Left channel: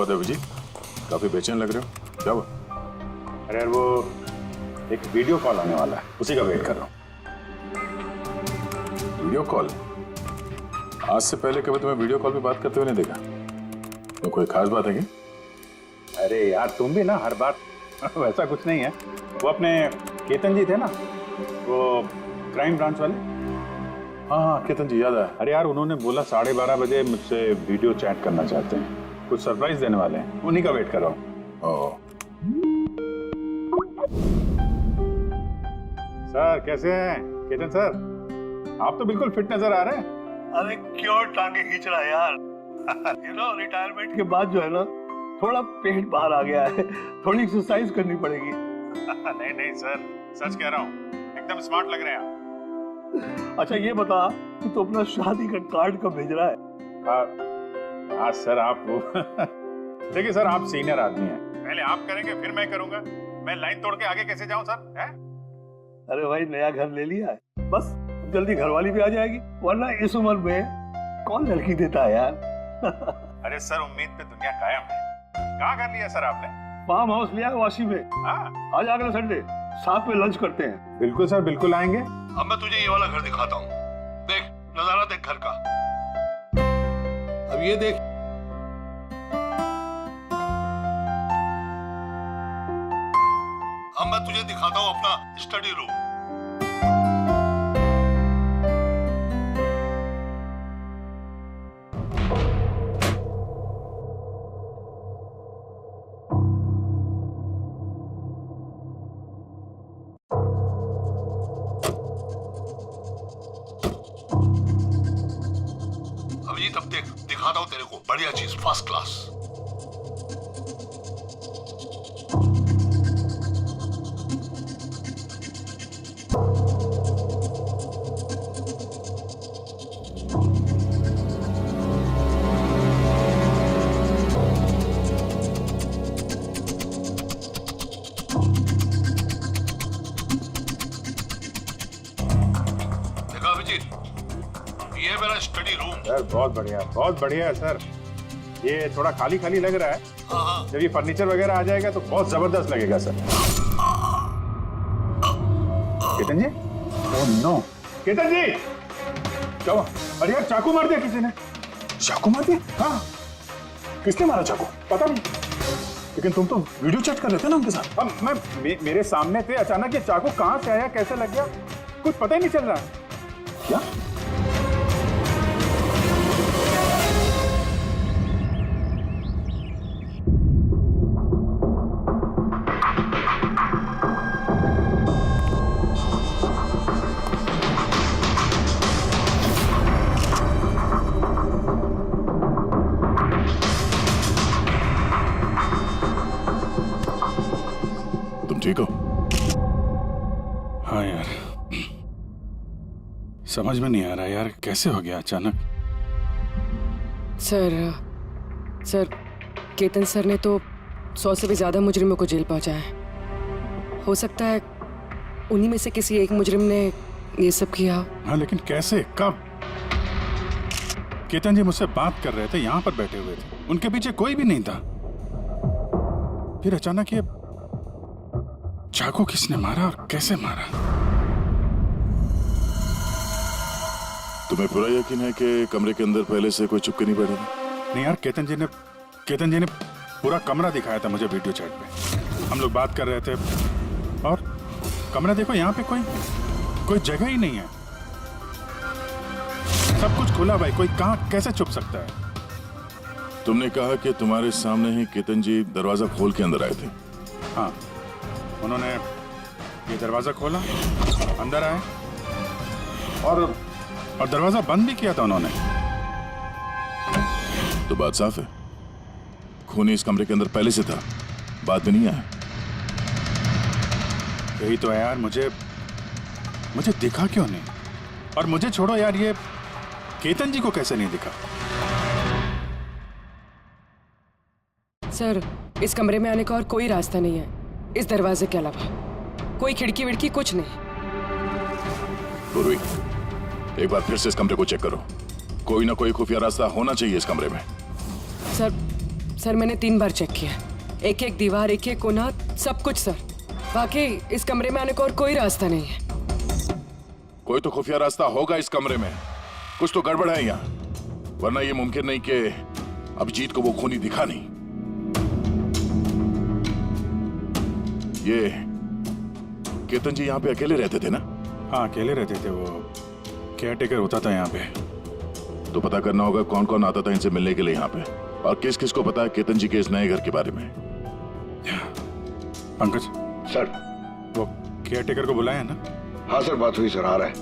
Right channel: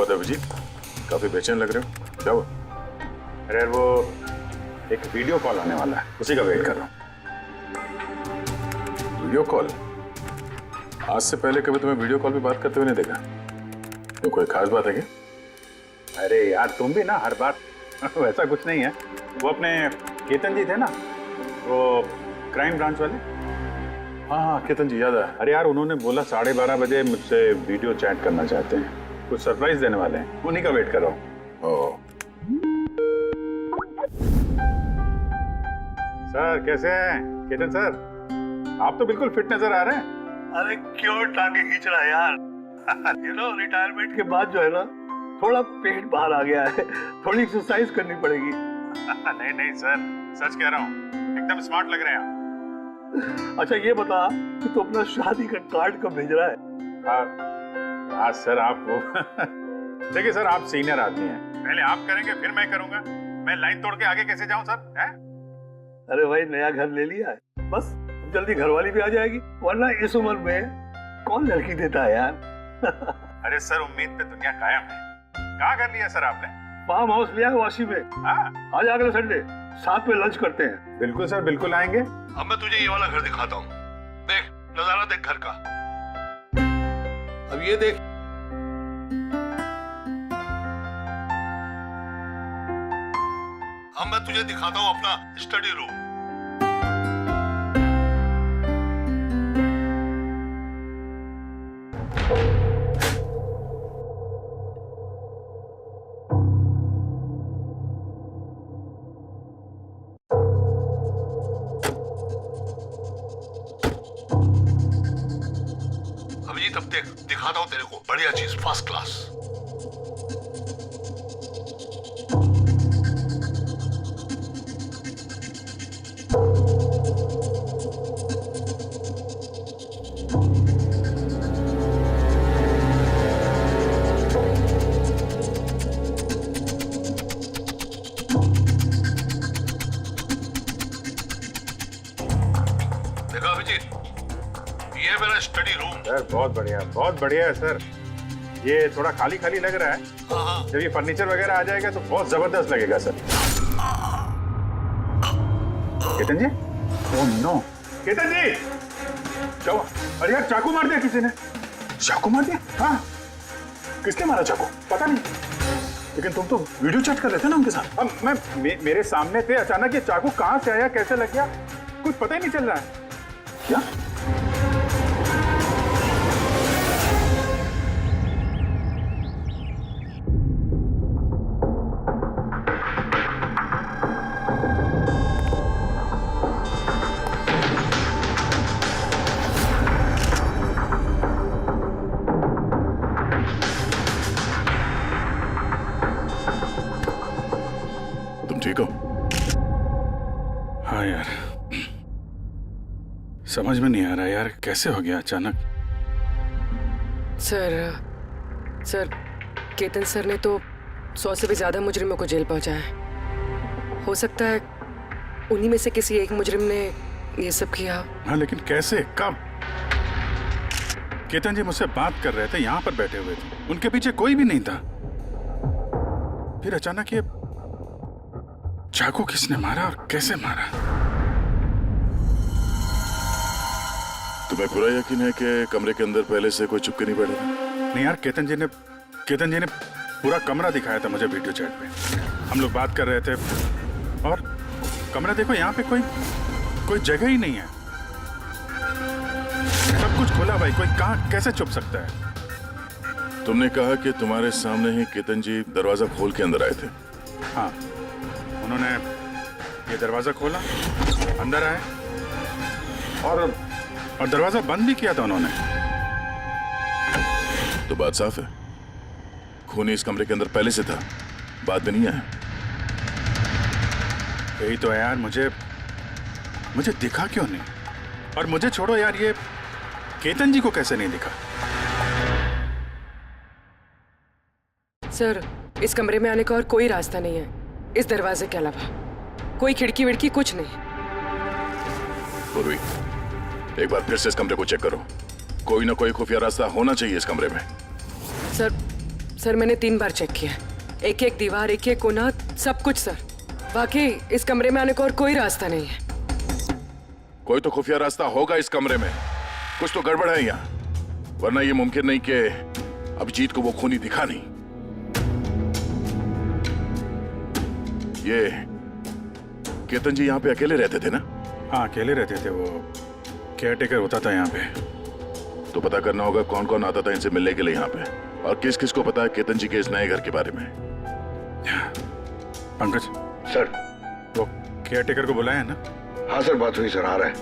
हुआ था अभिजीत? काफी बेचैन लग रहे हो, क्या हुआ? अरे यार वो एक वीडियो कॉल आने वाला है, उसी का वेट कर रहा हूँ। Video call? आज से पहले कभी तुम्हें वीडियो कॉल पे बात करते हुए नहीं देखा। तो कोई खास बात है क्या? अरे यार तुम भी ना हर बार वैसा कुछ नहीं है। वो अपने केतन जी थे ना, वो क्राइम ब्रांच वाले। हाँ, केतन जी याद आया। अरे यार उन्होंने बोला 12:30 बजे मुझसे वीडियो चैट करना चाहते हैं, कुछ सरप्राइज देने वाले हैं, उन्हीं का वेट कर रहा हूँ। ओह, सर कैसे हैं केतन सर? आप तो बिल्कुल फिट नजर आ रहे हैं। अरे क्यों टांगे खींच रहा है यार? रिटायरमेंट के बाद जो है ना, थोड़ा पेट बाहर आ गया है, थोड़ी एक्सरसाइज करनी पड़ेगी। नहीं नहीं सर, सच कह रहा हूँ, एकदम स्मार्ट लग रहे हैं आप। अच्छा ये बता कि तू अपना शादी का कार्ड कब भेज रहा है? हाँ सर आप वो देखिए सर, आप सीनियर आदमी हैं, पहले आप करेंगे फिर मैं करूंगा। मैं लाइन तोड़ के आगे कैसे जाऊं सर? है? अरे भाई नया घर ले लिया है, बस जल्दी घरवाली भी आ जाएगी, वरना इस उम्र में कौन लड़की देता है यार? अरे सर उम्मीद पे दुनिया कायम है। कहाँ कर लिया सर आपने? फार्म हाउस लिया है वाशी में। हाँ आज अगले संडे साथ में लंच करते हैं। बिल्कुल सर, बिल्कुल आएंगे। अब मैं तुझे ये वाला घर दिखाता हूँ, देख नजारा देख घर का। अब ये देख, अब मैं तुझे दिखाता हूँ अपना स्टडी रूम। अभिजीत अब देख, दिखाता हूँ तेरे को बढ़िया चीज, फर्स्ट क्लास। देखा अभिजीत, ये है मेरा स्टडी रूम। सर बहुत बढ़िया है सर। ये थोड़ा खाली खाली लग रहा है, हाँ जब ये फर्नीचर वगैरह आ जाएगा तो बहुत जबरदस्त लगेगा सर। केतन जी? ओह नो, केतन जी क्या हुआ? अरे यार चाकू मार दिया किसी ने। चाकू मार दिया? हाँ किसने मारा चाकू? पता नहीं। लेकिन तुम तो वीडियो चैट कर रहे थे ना उनके साथ। अब मेरे सामने थे, अचानक ये चाकू कहाँ से आया, कैसे लग गया, कुछ पता ही नहीं चल रहा है। क्या? तुम ठीक हो? हाँ यार, समझ में नहीं आ रहा यार, कैसे हो गया अचानक। सर केतन सर ने तो 100 से भी ज्यादा मुजरिमों को जेल पहुंचाया है। हो सकता है उन्हीं में से किसी एक मुजरिम ने ये सब किया हो। हाँ लेकिन कैसे, कब? केतन जी मुझसे बात कर रहे थे, यहाँ पर बैठे हुए थे, उनके पीछे कोई भी नहीं था। फिर अचानक ये चाकू किसने मारा और कैसे मारा? तुम्हें पूरा यकीन है कि कमरे के अंदर पहले से कोई चुपके नहीं बैठा था? नहीं यार, केतन जी ने पूरा कमरा दिखाया था मुझे वीडियो चैट पे। हम लोग बात कर रहे थे और कमरा देखो, यहाँ पे कोई जगह ही नहीं है, सब कुछ खुला भाई, कोई कहाँ कैसे छुप सकता है? तुमने कहा कि तुम्हारे सामने ही केतन जी दरवाजा खोल के अंदर आए थे। हाँ, उन्होंने ये दरवाजा खोला, अंदर आए और दरवाजा बंद भी किया था उन्होंने। तो बात साफ है, खूनी इस कमरे के अंदर पहले से था, बाद में नहीं आया। यही तो है यार, मुझे दिखा क्यों नहीं? और मुझे छोड़ो यार, ये केतन जी को कैसे नहीं दिखा? सर इस कमरे में आने का और कोई रास्ता नहीं है इस दरवाजे के अलावा, कोई खिड़की विड़की कुछ नहीं। पूर्वी, एक बार फिर से इस कमरे को चेक करो, कोई ना कोई खुफिया रास्ता होना चाहिए इस कमरे में। सर मैंने 3 बार चेक किया, एक एक दीवार, एक एक कोना, सब कुछ सर। वाकई इस कमरे में आने का और कोई रास्ता नहीं है। कोई तो खुफिया रास्ता होगा इस कमरे में, कुछ तो गड़बड़ है यहाँ, वरना ये मुमकिन नहीं कि अभिजीत को वो खूनी दिखा नहीं। ये केतन जी यहाँ पे अकेले रहते थे ना? हाँ अकेले रहते थे, वो केयर टेकर होता था यहाँ पे। तो पता करना होगा कौन कौन आता था इनसे मिलने के लिए यहाँ पे, और किस किस को पता है केतन जी के इस नए घर के बारे में। पंकज सर। वो केयर टेकर को बुलाया है ना? हाँ सर, बात हुई सर, आ रहा है।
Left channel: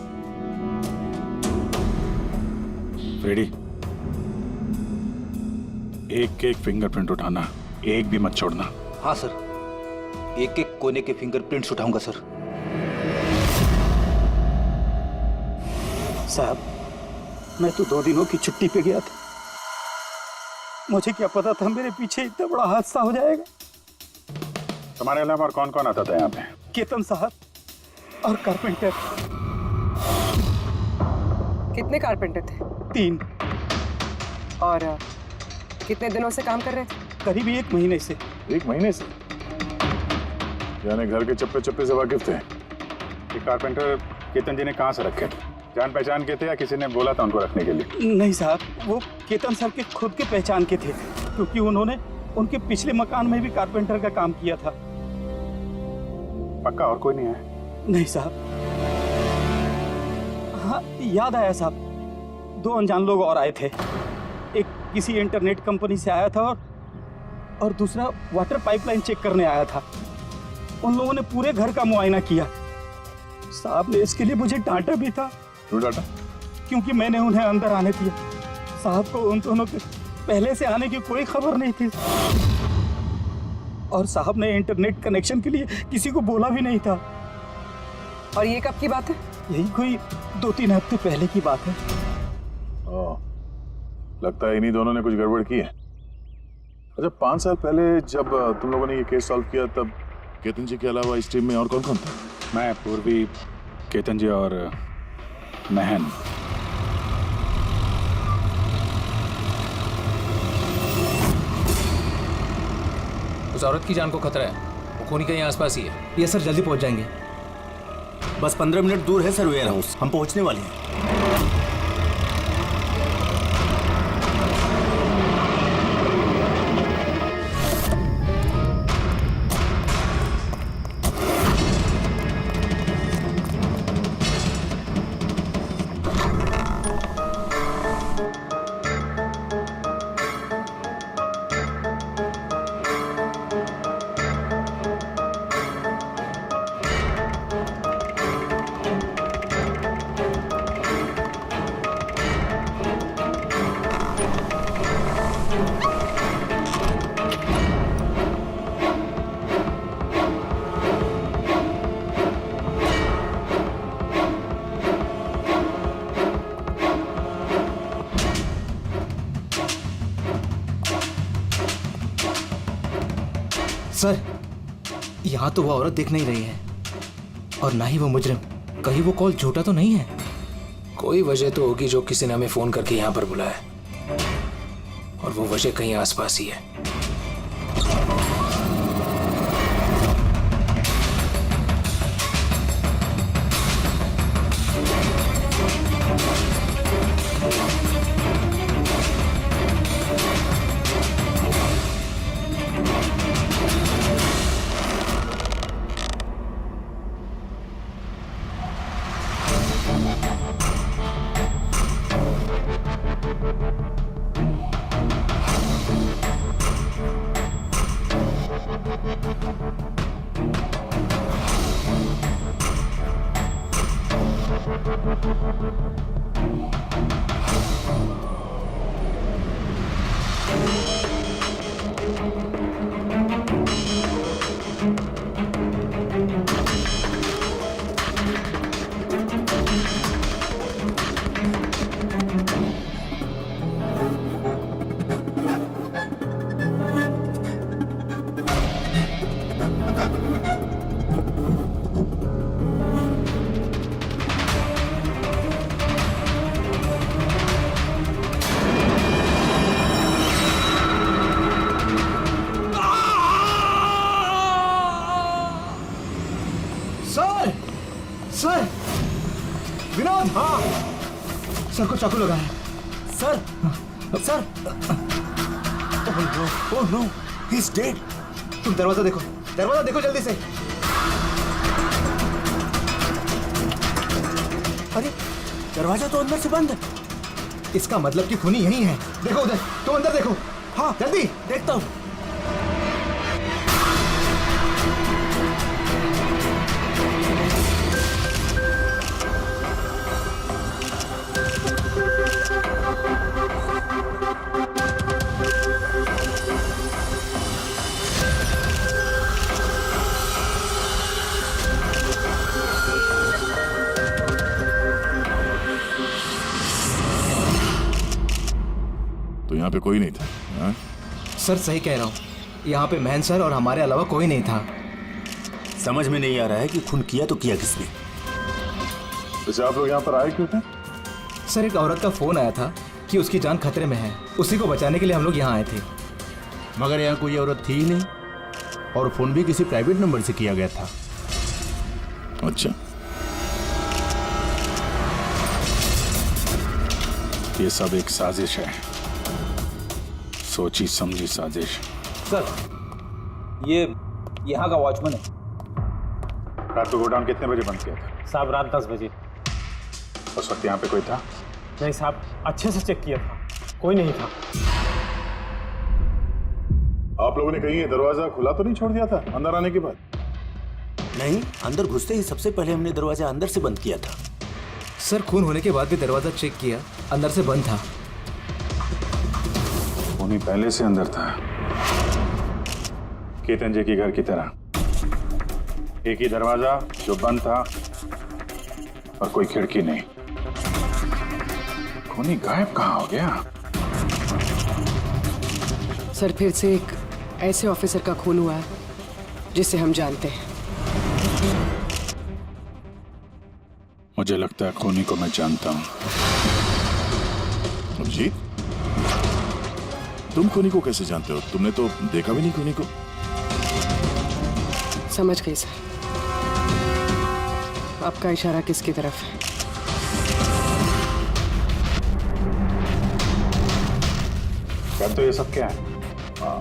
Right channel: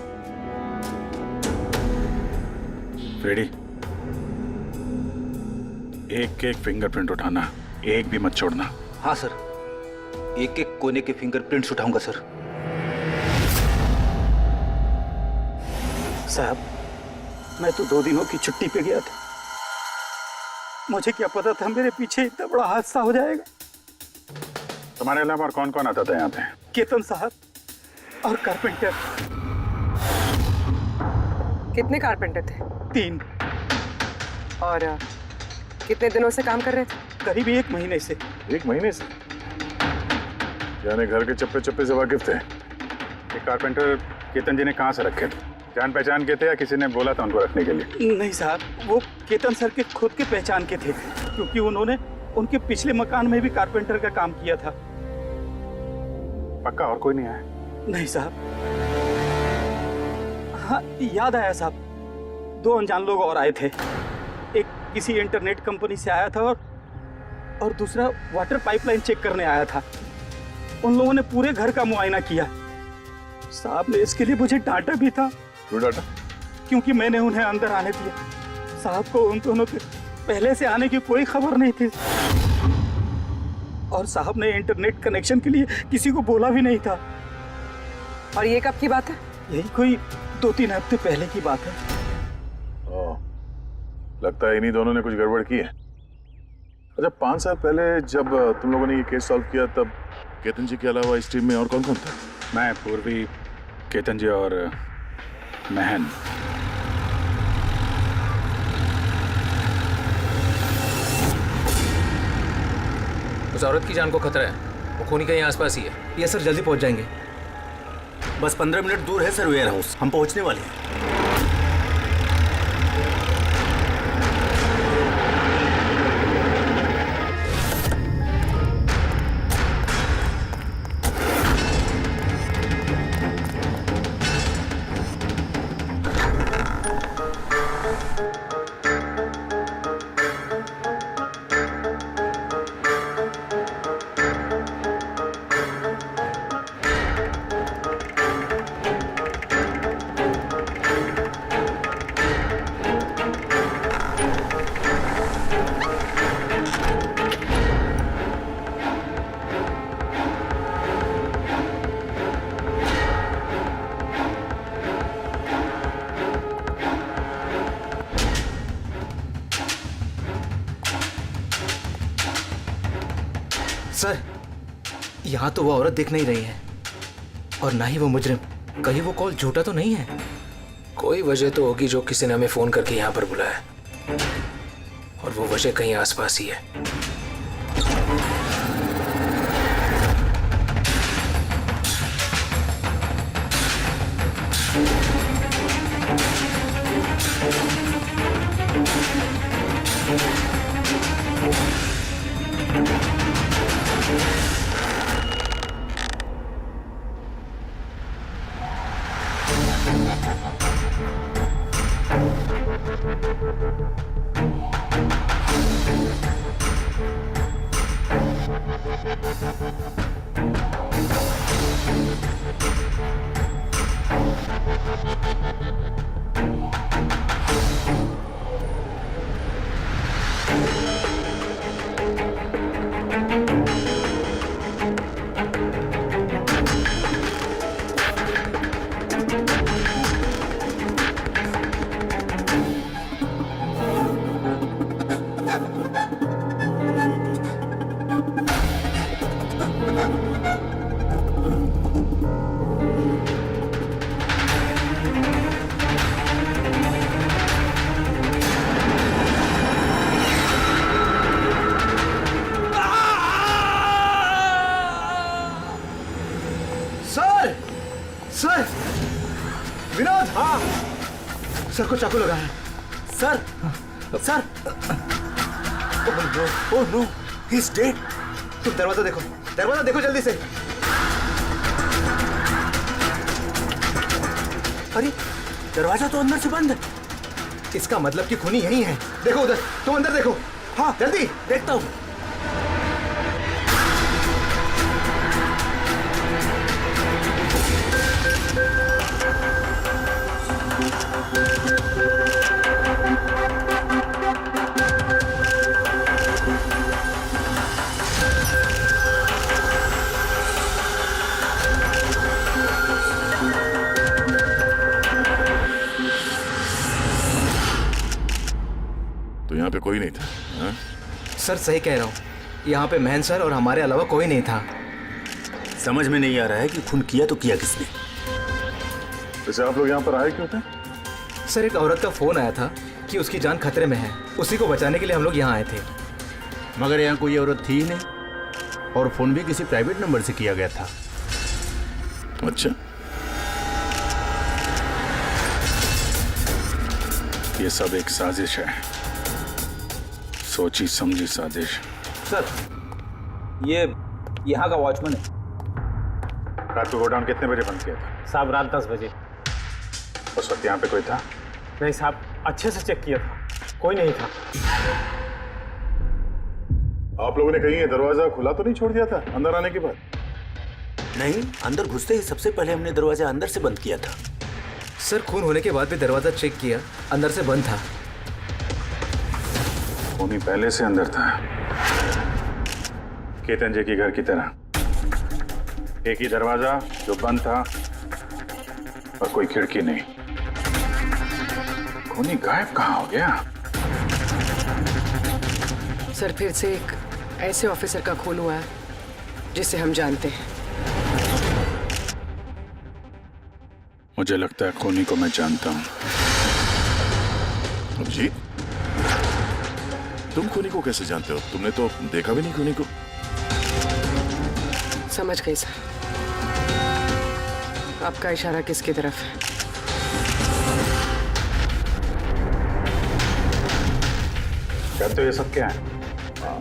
फ्रेडी, एक एक फिंगरप्रिंट उठाना, एक भी मत छोड़ना। हाँ सर, एक एक कोने के फिंगरप्रिंट्स उठाऊंगा सर। साहब, मैं तो 2 दिनों की छुट्टी पे गया था, मुझे क्या पता था मेरे पीछे इतना बड़ा हादसा हो जाएगा। तुम्हारे अलावा और कौन कौन आता था यहाँ पे? केतन साहब और कारपेंटर। कितने कारपेंटर थे? 3। और कितने दिनों से काम कर रहे थे? करीब 1 महीने से। 1 महीने से? यानी घर के चप्पे चप्पे से वाकिफ थे। ये कारपेंटर केतन जी ने कहाँ से रखे थे? जान पहचान के थे या किसी ने बोला था उनको रखने के लिए? नहीं साहब, वो केतन सर के खुद के पहचान के थे, क्योंकि उन्होंने उनके पिछले मकान में भी कारपेंटर का काम किया था। पक्का और कोई नहीं आया? नहीं साहब। हाँ याद आया साहब, 2 अनजान लोग और आए थे। एक किसी इंटरनेट कंपनी से आया था और दूसरा वाटर पाइपलाइन चेक करने आया था। उन लोगों ने पूरे घर का मुआयना किया। साहब ने इसके लिए मुझे डांटा भी था। क्यों डांटा? क्योंकि मैंने उन्हें अंदर आने दिया। साहब को उन दोनों के पहले से आने की कोई खबर नहीं थी, और साहब ने इंटरनेट कनेक्शन के लिए किसी को बोला भी नहीं था। और ये कब की बात है? यही कोई 2-3 हफ्ते पहले की बात है। ओह, लगता है इन्हीं दोनों ने कुछ गड़बड़ की है। अच्छा, 5 साल पहले जब तुम लोगों ने ये केस सॉल्व किया तब केतन जी के अलावा इस टीम में और कौन कौन था? मैं, पूर्वी, केतन जी और महन। उस औरत की जान को खतरा है, वो खूनी कहीं आसपास ही है। ये सर जल्दी पहुंच जाएंगे। बस 15 मिनट दूर है सर वेयर हाउस, हम पहुंचने वाले हैं। सर, यहाँ तो वो औरत दिख नहीं रही है, और ना ही वो मुजरिम। कहीं वो कॉल झूठा तो नहीं है? कोई वजह तो होगी जो किसी ने हमें फोन करके यहाँ पर बुलाया, और वो वजह कहीं आसपास ही है। सर, विनोद। हाँ सर को चाकू लगा है। Sir sir, oh no, he is dead. तुम दरवाजा देखो, दरवाजा देखो जल्दी से। अरे दरवाजा तो अंदर से बंद है। इसका मतलब कि खूनी यही है। देखो उधर, तुम अंदर देखो। हाँ जल्दी। देखता हूँ। तो यहाँ पे कोई नहीं था? हाँ? सर सही कह रहा हूँ, यहाँ पे महन सर और हमारे अलावा कोई नहीं था। समझ में नहीं आ रहा है कि खून किया तो किया किसने। वैसे आप लोग यहाँ पर आए क्यों थे? सर एक औरत का फोन आया था कि उसकी जान खतरे में है, उसी को बचाने के लिए हम लोग यहाँ आए थे। मगर यहाँ कोई औरत थी ही नहीं, और फोन भी किसी प्राइवेट नंबर से किया गया था। अच्छा, ये सब एक साजिश है, सोची समझी साजिश। सर ये यहाँ का वॉचमैन है। रात को गोडाउन कितने बजे बंद किया था? साहब रात 10 बजे। उस वक्त यहाँ पे कोई था? नहीं साहब, अच्छे से चेक किया था, कोई नहीं था। आप लोगों ने कहीं ये दरवाजा खुला तो नहीं छोड़ दिया था अंदर आने के बाद? नहीं, अंदर घुसते ही सबसे पहले हमने दरवाजा अंदर से बंद किया था। सर खून होने के बाद भी दरवाजा चेक किया, अंदर से बंद था। खूनी पहले से अंदर था, केतन जी के घर की तरह। एक ही दरवाजा जो बंद था और कोई खिड़की नहीं। खूनी गायब कहाँ हो गया? सर फिर से एक ऐसे ऑफिसर का खून हुआ है जिसे हम जानते हैं। मुझे लगता है खूनी को मैं जानता हूँ। अभिजीत, तुम खूनी को कैसे जानते हो? तुमने तो देखा भी नहीं खूनी को। समझ गई सर, आपका इशारा किसकी तरफ है? कहते हो ये सब क्या है?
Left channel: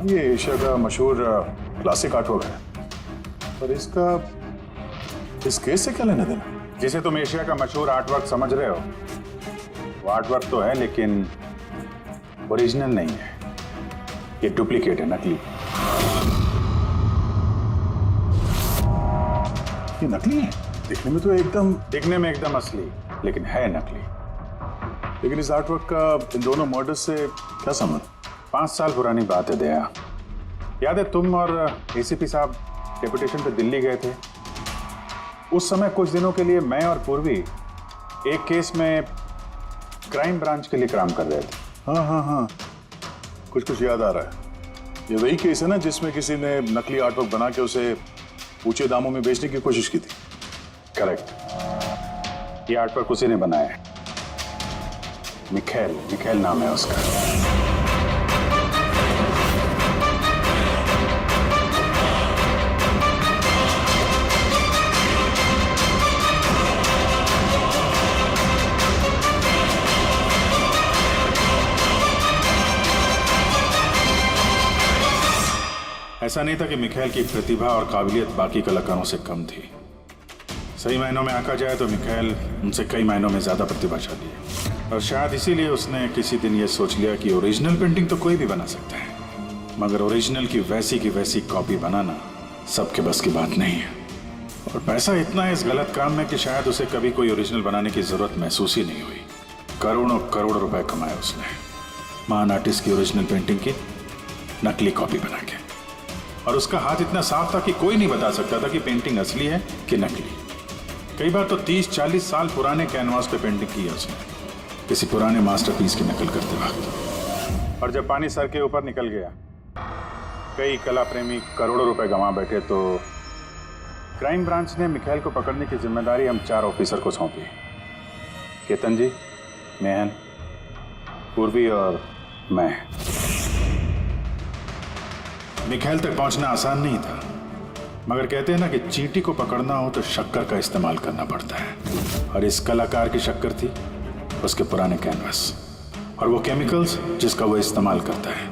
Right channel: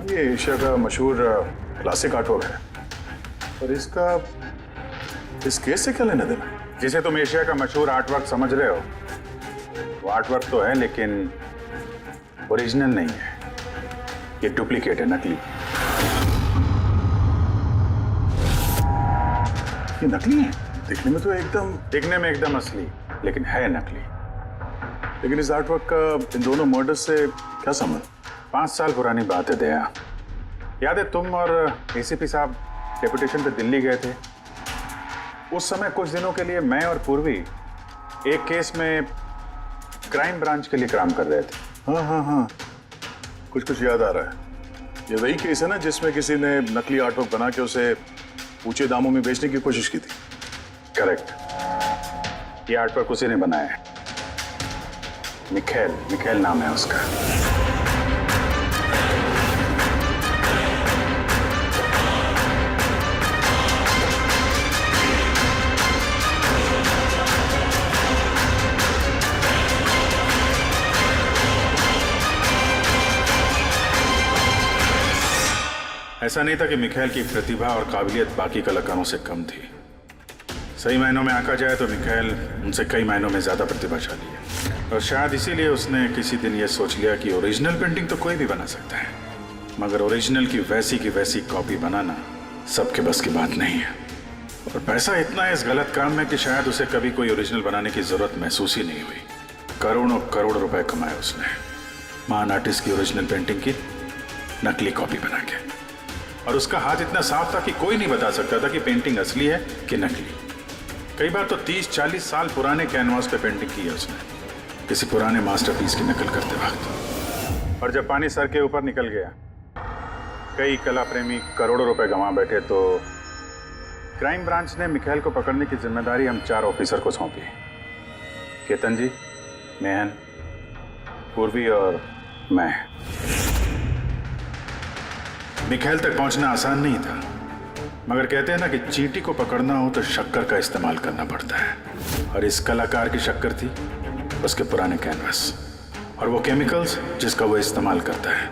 ये एशिया का मशहूर क्लासिक आर्टवर्क है, पर इसका इस केस से क्या लेना देना? जिसे तुम एशिया का मशहूर आर्टवर्क समझ रहे हो, वो आर्टवर्क तो है लेकिन ओरिजिनल नहीं है। ये डुप्लीकेट है, नकली। ये नकली है? देखने में तो एकदम असली, लेकिन है नकली। लेकिन इस आर्टवर्क का इन दोनों मर्डर्स से क्या संबंध? 5 साल पुरानी बात है दया। याद है तुम और एसीपी साहब डेपुटेशन पे दिल्ली गए थे? उस समय कुछ दिनों के लिए मैं और पूर्वी एक केस में क्राइम ब्रांच के लिए काम कर रहे थे। हाँ, कुछ याद आ रहा है। ये वही केस है ना जिसमें किसी ने नकली आर्टवर्क बना के उसे ऊंचे दामों में बेचने की कोशिश की थी? करेक्ट। ये आर्टवर्क उसी ने बनाया है। मिखेल नाम है उसका। ऐसा नहीं था कि मिखेल की प्रतिभा और काबिलियत बाकी कलाकारों से कम थी। सही मायनों में आंका जाए तो मिखेल उनसे कई मायनों में ज्यादा प्रतिभाशाली है, और शायद इसीलिए उसने किसी दिन यह सोच लिया कि ओरिजिनल पेंटिंग तो कोई भी बना सकता है, मगर ओरिजिनल की वैसी कॉपी बनाना सबके बस की बात नहीं है। और पैसा इतना है इस गलत काम में कि शायद उसे कभी कोई ओरिजिनल बनाने की जरूरत महसूस ही नहीं हुई। करोड़ों करोड़ रुपए कमाए उसने महान आर्टिस्ट की ओरिजिनल पेंटिंग की नकली कॉपी बना के, और उसका हाथ इतना साफ था कि कोई नहीं बता सकता था कि पेंटिंग असली है कि नकली। कई बार तो 30-40 साल पुराने कैनवास पे पेंटिंग की है उसने, किसी पुराने मास्टरपीस की नकल करते वक्त। और जब पानी सर के ऊपर निकल गया, कई कला प्रेमी करोड़ों रुपए गंवा बैठे, तो क्राइम ब्रांच ने मिखेल को पकड़ने की जिम्मेदारी हम 4 ऑफिसर को सौंपी। केतन जी, मेहन, पूर्वी और मैं। मिखेल तक पहुंचना आसान नहीं था, मगर कहते हैं ना कि चींटी को पकड़ना हो तो शक्कर का इस्तेमाल करना पड़ता है, और इस कलाकार की शक्कर थी उसके पुराने कैनवस और वो केमिकल्स जिसका वो इस्तेमाल करता है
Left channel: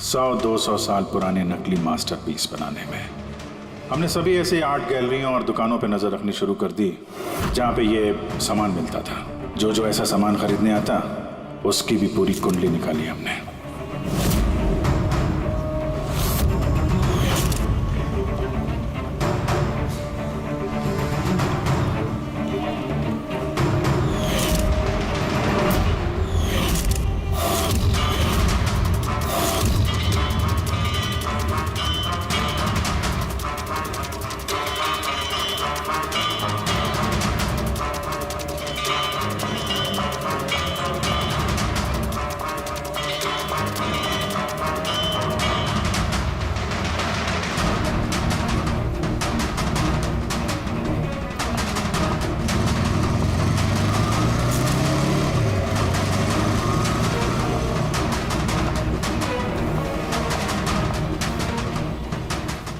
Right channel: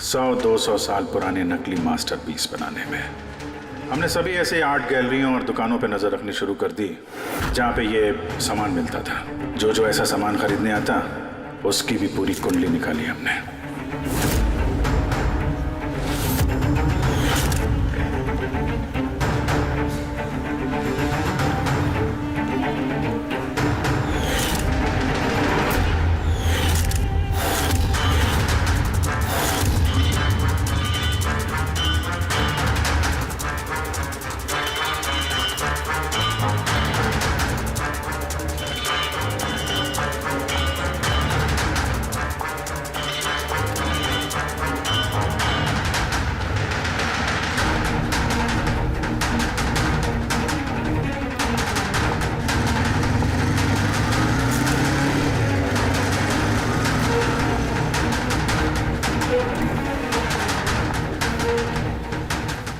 100-200 साल पुराने नकली मास्टरपीस बनाने में। हमने सभी ऐसे आर्ट गैलरियों और दुकानों पे नजर रखनी शुरू कर दी जहाँ पे ये सामान मिलता था। जो ऐसा सामान खरीदने आता उसकी भी पूरी कुंडली निकाली हमने।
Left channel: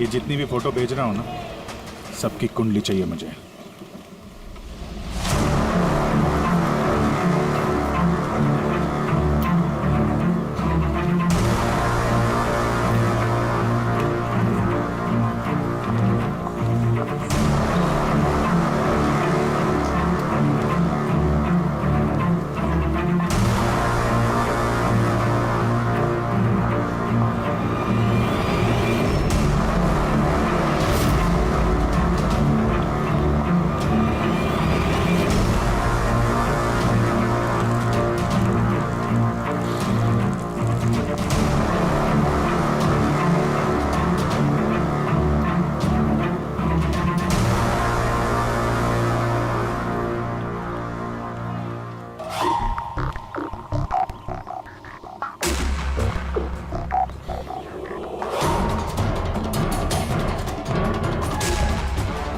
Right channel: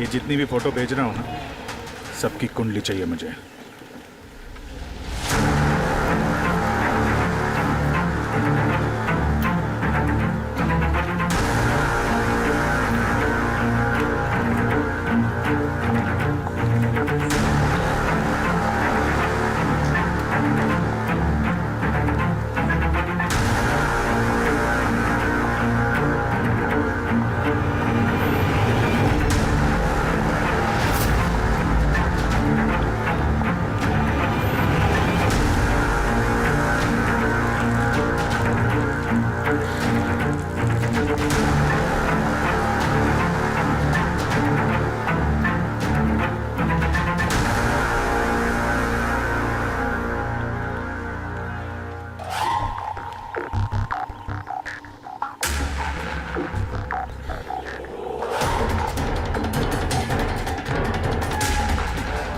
ये जितनी भी फोटो भेज रहा हूं ना, सबकी कुंडली चाहिए मुझे।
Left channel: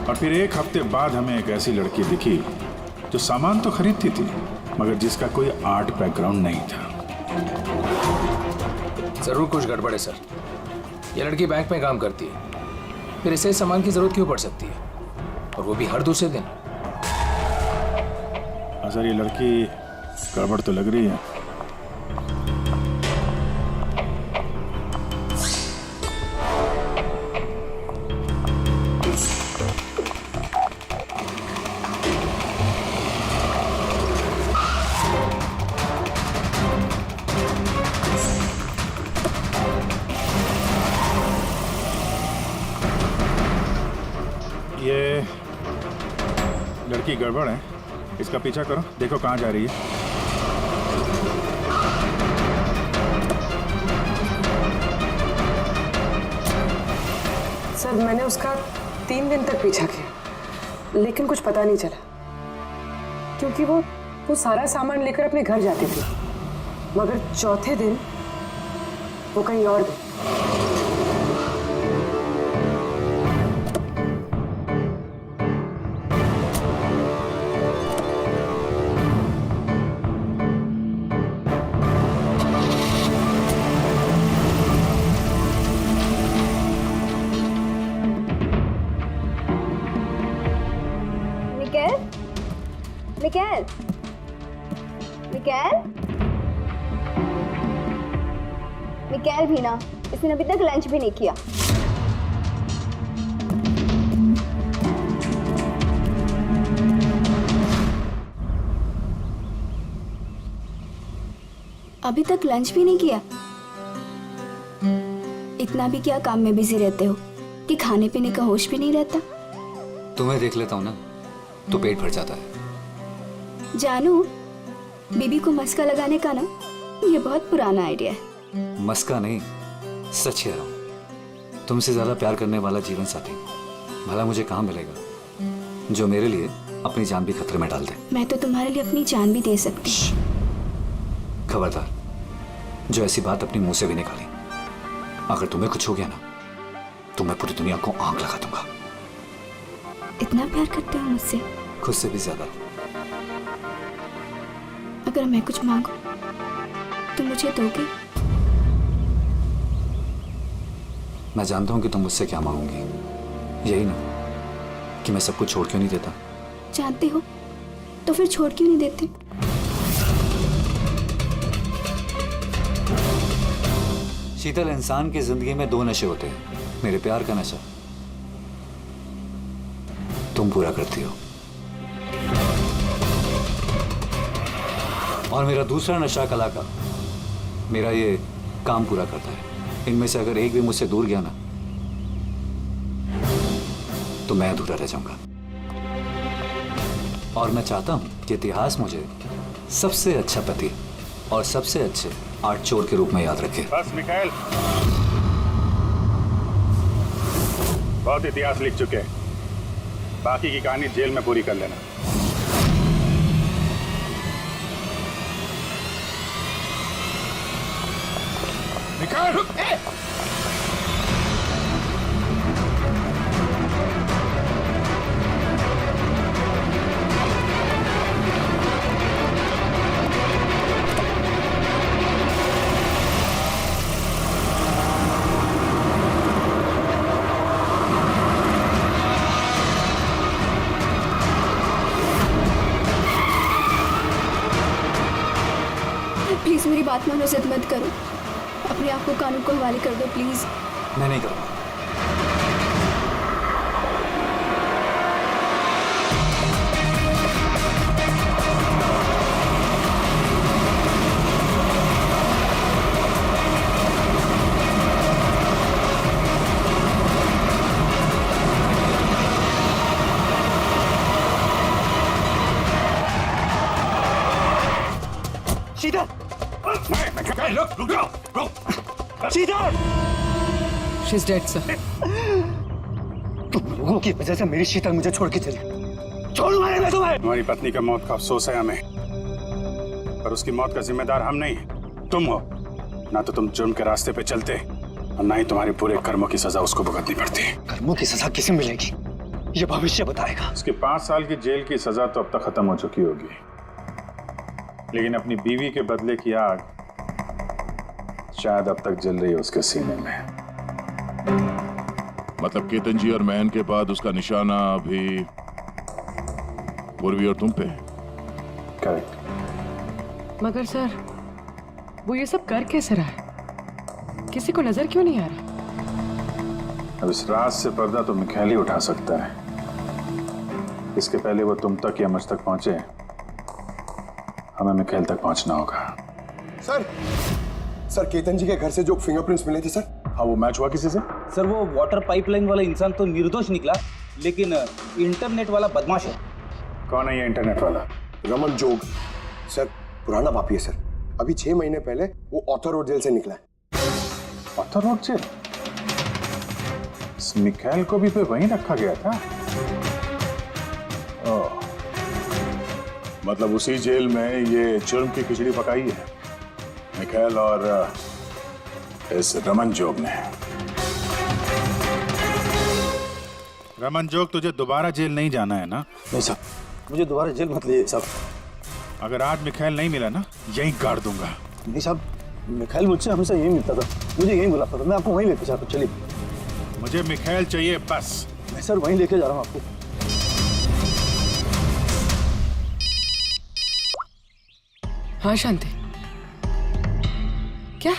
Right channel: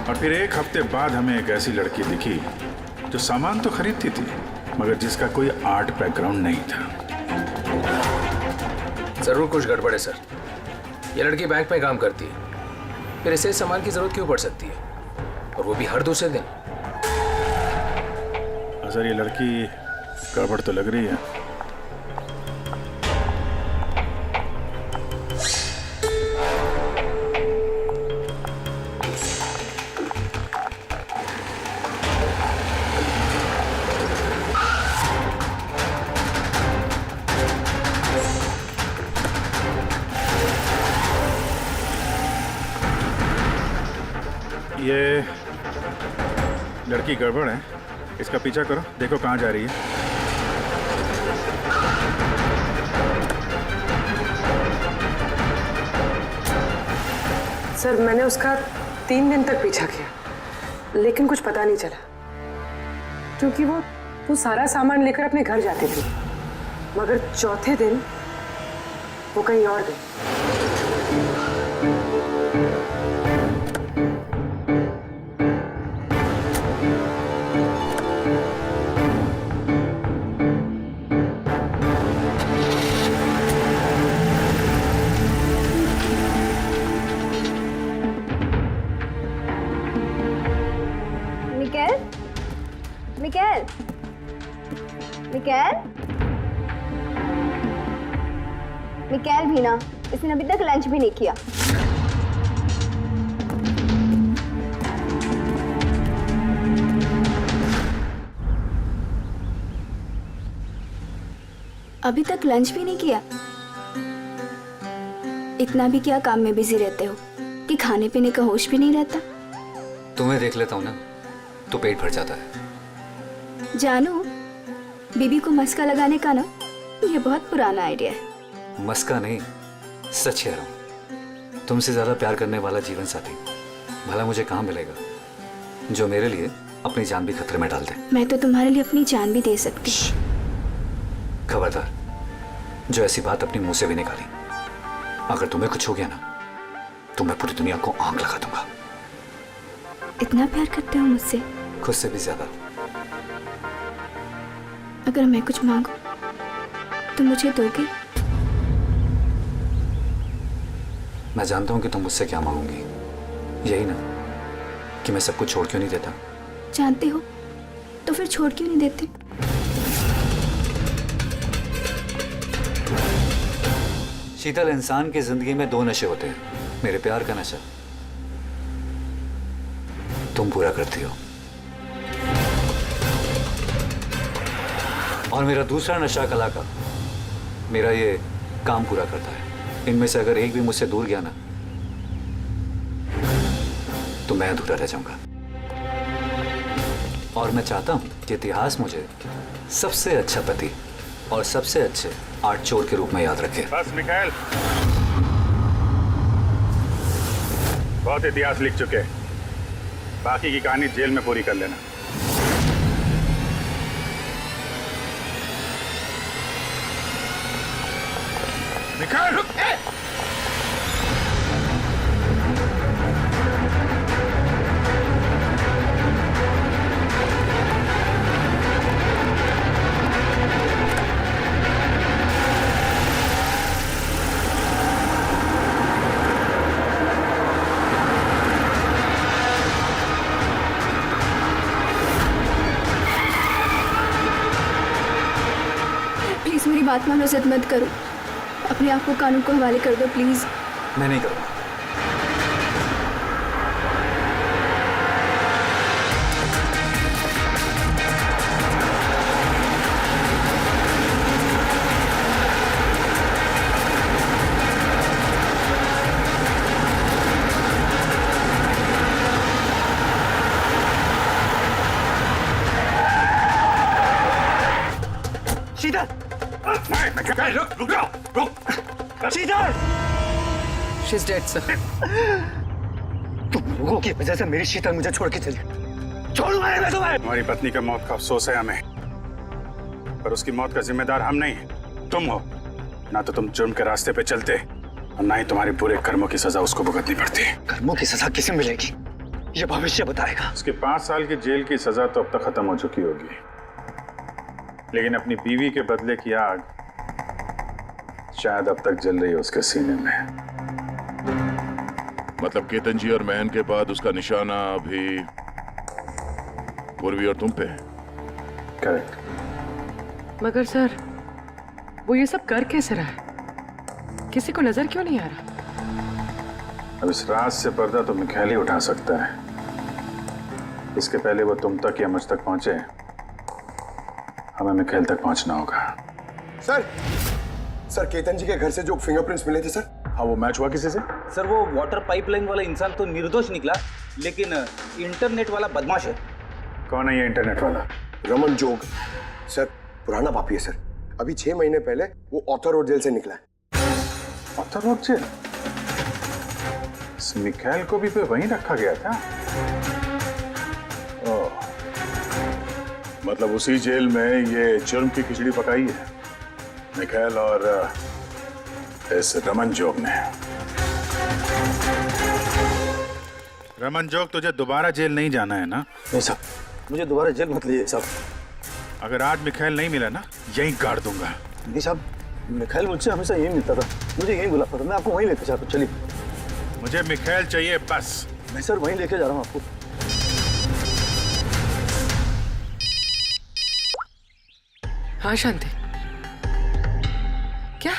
और फिर एक हफ्ते बाद हमें एक ऐसी लड़की दिखी जो सामान तो खरीदती थी मगर जिसका कोई आर्ट बैकग्राउंड नहीं था। जरूर कुछ गड़बड़ है सर। ये लड़की बैंक में काम करती है, फिर इसे सामान की जरूरत क्यों पड़ सकती है, और वो भी हर दूसरे दिन। सर ये लड़की गड़बड़ तो लग रही है। ये लड़की गड़बड़ है, इसका पीछा करो, देखो कहाँ जा रही है। सर मैंने उसका 3 दिन तक पीछा किया लेकिन कुछ पता नहीं चला, क्योंकि वो सारा सामान लेकर अपने घर जाती थी, मगर चौथे दिन वो कहीं और गई। मिकेल, मिकेल, मिकेल भी ना, इसने अभी तक लंच भी नहीं किया। अभी तक लंच भी नहीं किया? इतना भी क्या काम में बिजी रहते हो कि खाने पीने का होश भी नहीं रहता? तुम्हें देख लेता हूँ ना तो पेट भर जाता है। जानू, बीबी को मस्का लगाने का ना ये बहुत पुराना आइडिया है। मस्का नहीं, सच कह रहा हूँ। तुमसे ज्यादा प्यार करने वाला जीवन साथी भला मुझे कहाँ मिलेगा जो मेरे लिए अपनी जान भी खतरे में डाल दे। मैं तो तुम्हारे लिए अपनी जान भी दे सकती। खबरदार, जो ऐसी बात अपनी मुंह से भी निकाली। अगर तुम्हें कुछ हो गया ना तो मैं पूरी दुनिया को आंख लगा दूंगा। इतना प्यार करते हो मुझसे? खुद से भी ज्यादा। अगर मैं कुछ मांगू तो मुझे दोगे? मैं जानता हूं कि तुम मुझसे क्या मांगोगी, यही ना कि मैं सब कुछ छोड़ क्यों नहीं देता। जानते हो तो फिर छोड़ क्यों नहीं देते? शीतल, इंसान की जिंदगी में दो नशे होते हैं, मेरे प्यार का नशा तुम पूरा करती हो, और मेरा दूसरा नशा कला का, मेरा ये काम पूरा करता है। इनमें से अगर एक भी मुझसे दूर गया ना तो मैं अधूरा रह जाऊंगा। और मैं चाहता हूं कि इतिहास मुझे सबसे अच्छा पति और सबसे अच्छे आर्ट चोर के रूप में याद रखे। बस मिखाइल, बहुत इतिहास लिख चुके, बाकी की कहानी जेल में पूरी कर लेना। मिखाइल, प्लीज मेरी बात मानो, जिद मत करो, अपने आप को कानून को हवाले कर दो प्लीज। मैं नहीं करूंगा। शीतल, रुक जाओ। शीतल, शी इज डेड सर। तुम लोगों की वजह से मेरी शीतल मुझे छोड़ के चली। छोड़ूंगा नहीं मैं तुम्हें। हमारी पत्नी का मौत का अफसोस है हमें, पर उसकी मौत का जिम्मेदार हम नहीं, तुम हो। ना तो तुम जुर्म के रास्ते पे चलते और ना ही तुम्हारे बुरे कर्मों की सजा उसको भुगतनी पड़ती। कर्मों की सजा किसे मिलेगी ये भविष्य बताएगा। उसकी 5 साल की जेल की सजा तो अब तक खत्म हो चुकी होगी, लेकिन अपनी बीवी के बदले की आग शायद अब तक जल रही है उसके सीने में। मतलब केतन जी और महन के बाद उसका निशाना अभी पूर्वी और तुम पे। करेक्ट। मगर सर वो ये सब कर कैसे रहा है? किसी को नजर क्यों नहीं आ रहा? अब इस राज से पर्दा तो मिखाइल ही उठा सकता है। इसके पहले वो तुम तक या मुझ तक पहुंचे, हमें मिखाइल तक पहुंचना होगा। सर केतन जी के घर से जो फिंगरप्रिंट्स मिले थे सर। हाँ, वो मैच हुआ किसी से? सर वो वाटर पाइपलाइन वाला इंसान तो निर्दोष निकला, लेकिन इंटरनेट वाला बदमाश है। कौन है ये इंटरनेट वाला? रमन जोग सर, पुराना पापी है सर। अभी 6 महीने पहले वो ऑथर रोड जेल से निकला है। Arthur Road jail? इस मिखाइल को भी पे वहीं रखा गया था। ओह, मतलब उसी जेल में ये जुर्म की खिचड़ी पकाई है मिखाइल और इस रमन जोग ने। रमन जोग, तुझे दोबारा जेल नहीं जाना है ना? नहीं साहब, मुझे दोबारा जेल मत लीजिए साहब। अगर आज मिखाइल नहीं मिला ना, यहीं गाड़ दूंगा। नहीं साहब, मिखाइल मुझसे हमेशा यही मिलता था, मुझे यही बुलाता था। मैं आपको वहीं लेके जाता हूँ, चलिए। मुझे मिखाइल चाहिए बस। मैं सर वहीं लेके जा रहा हूँ आपको। हाँ शांति, क्या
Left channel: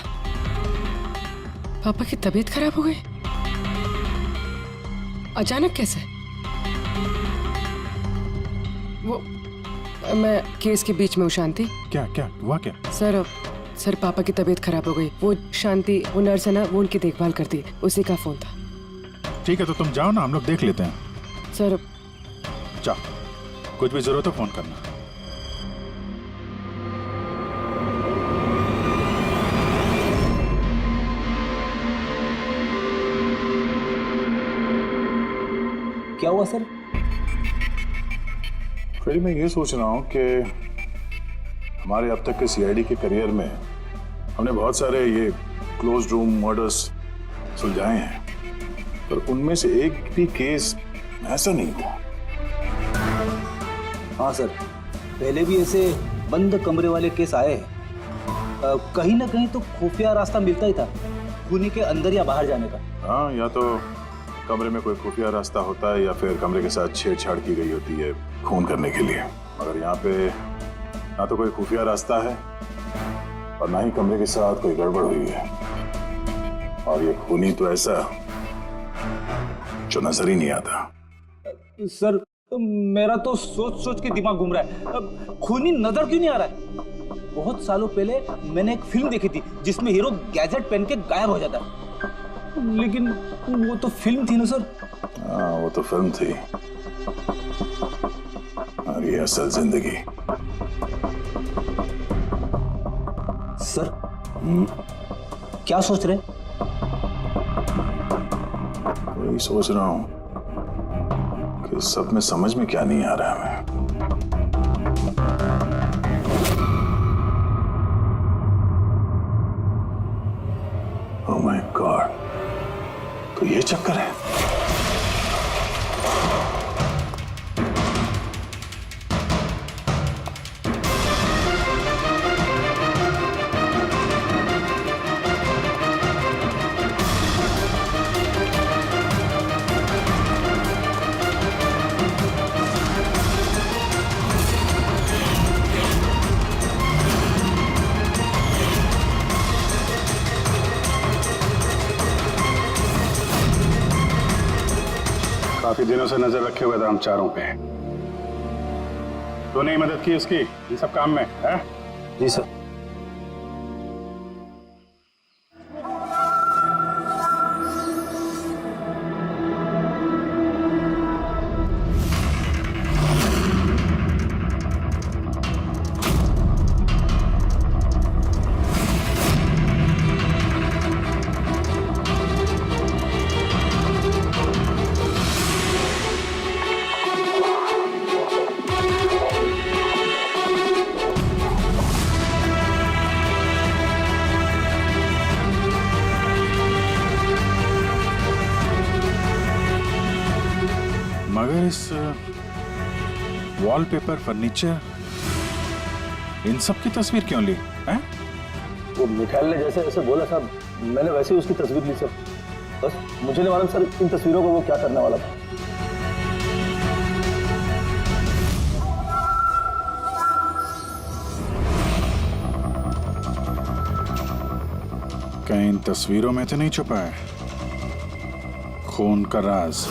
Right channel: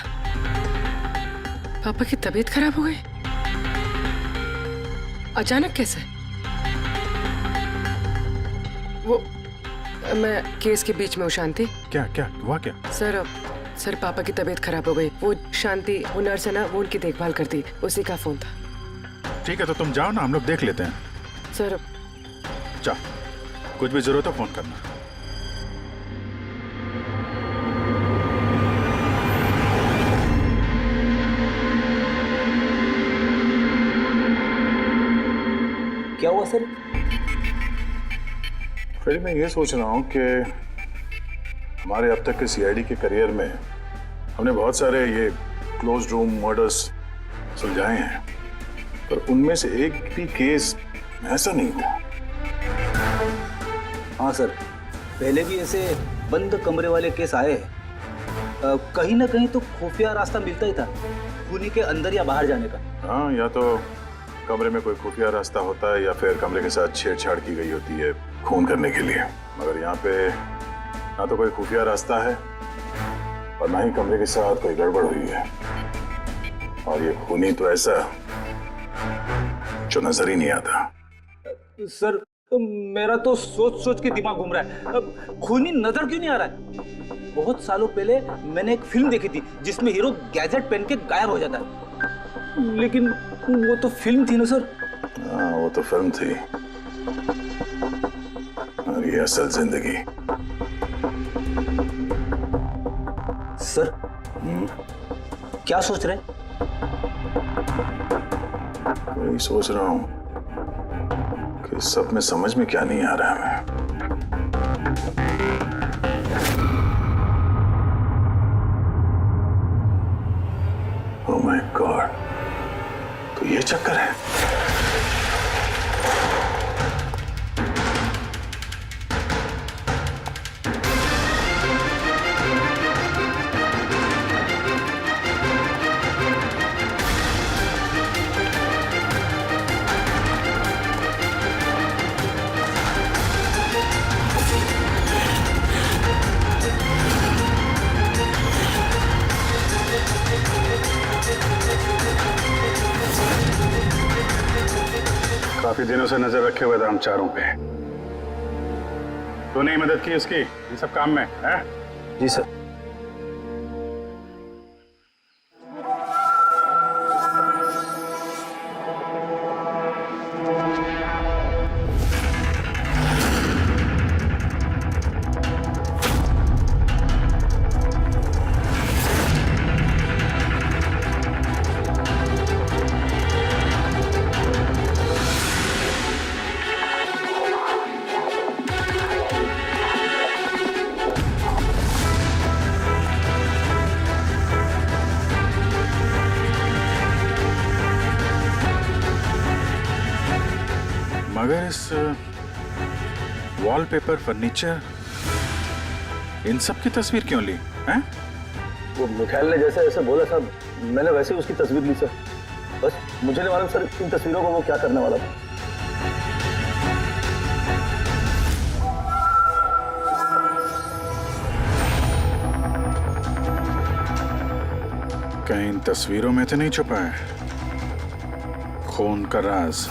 पापा की तबीयत खराब हो गई? अचानक कैसे? वो मैं केस के बीच में हूँ शांति। क्या क्या हुआ क्या? सर पापा की तबीयत खराब हो गई। वो शांति, वो नर्स है ना, वो उनकी देखभाल करती, उसी का फोन था। ठीक है, तो तुम जाओ ना, हम लोग देख लेते हैं। सर जाओ, कुछ भी जरूरत हो फोन करना। क्या हुआ सर? फ्रेडी, मैं ये सोच रहा हूँ कि हमारे अब तक के सीआईडी के करियर में हमने बहुत सारे ये क्लोज रूम मर्डर्स सुलझाए हैं, पर उनमें से एक भी केस ऐसा नहीं हुआ। हाँ सर, पहले भी ऐसे बंद कमरे वाले केस आए हैं। कहीं ना कहीं तो खुफिया रास्ता मिलता ही था खूनी के अंदर या बाहर जाने का। हाँ, या तो कमरे में कोई खुफिया रास्ता होता है या फिर कमरे के साथ छेड़छाड़ की गई होती है खून करने के लिए, मगर यहाँ पे ना तो कोई खुफिया रास्ता है और ना ही कमरे के साथ कोई गड़बड़ हुई है। और ये खूनी तो ऐसा जो नजर ही नहीं आता। सर मेरा तो सोच सोच के दिमाग घूम रहा है। खूनी नजर क्यों नहीं आ रहा है? बहुत सालों पहले मैंने एक फिल्म देखी थी जिसमें हीरो गैजेट पहन के गायब हो जाता है, लेकिन वो तो फिल्म थी ना सर। हाँ, वो तो फिल्म थी और ये असल जिंदगी। सर क्या सोच रहे? वही सोच रहा हूं कि सब में समझ में क्या नहीं आ रहा है। ओह माय गॉड, तो ये चक्कर है। काफी दिनों से नजर रखे हुए थे हम चारों पे। तूने ही मदद की उसकी इन सब काम में, है? जी सर। मगर इस वॉलपेपर, फर्नीचर, इन सब की तस्वीर क्यों ली हैं? वो मिखाइल ने जैसे ऐसे बोला साहब, मैंने वैसे ही उसकी तस्वीर ली सर। बस मुझे नहीं मालूम सर इन तस्वीरों को वो क्या करने वाला था। कहीं इन तस्वीरों में तो नहीं छुपा है खून का राज?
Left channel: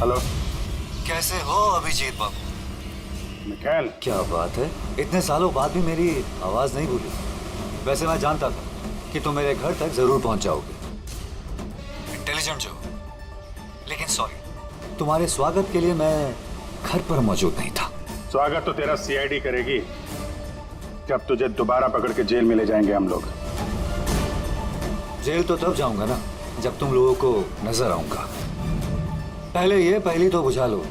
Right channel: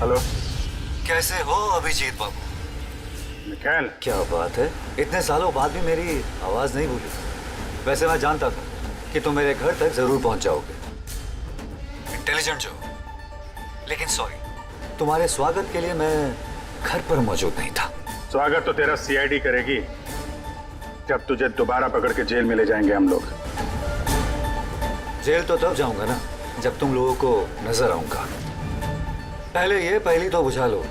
हेलो, कैसे हो अभिजीत बाबू? मिखाइल, क्या बात है, इतने सालों बाद भी मेरी आवाज नहीं भूली। वैसे मैं जानता था कि तुम मेरे घर तक जरूर पहुंच जाओगे, इंटेलिजेंट जो, लेकिन सॉरी, तुम्हारे स्वागत के लिए मैं घर पर मौजूद नहीं था। स्वागत तो तेरा सीआईडी करेगी जब तुझे दोबारा पकड़ के जेल में ले जाएंगे हम लोग। जेल तो तब जाऊंगा ना जब तुम लोगों को नजर आऊंगा। पहली तो बुझा लो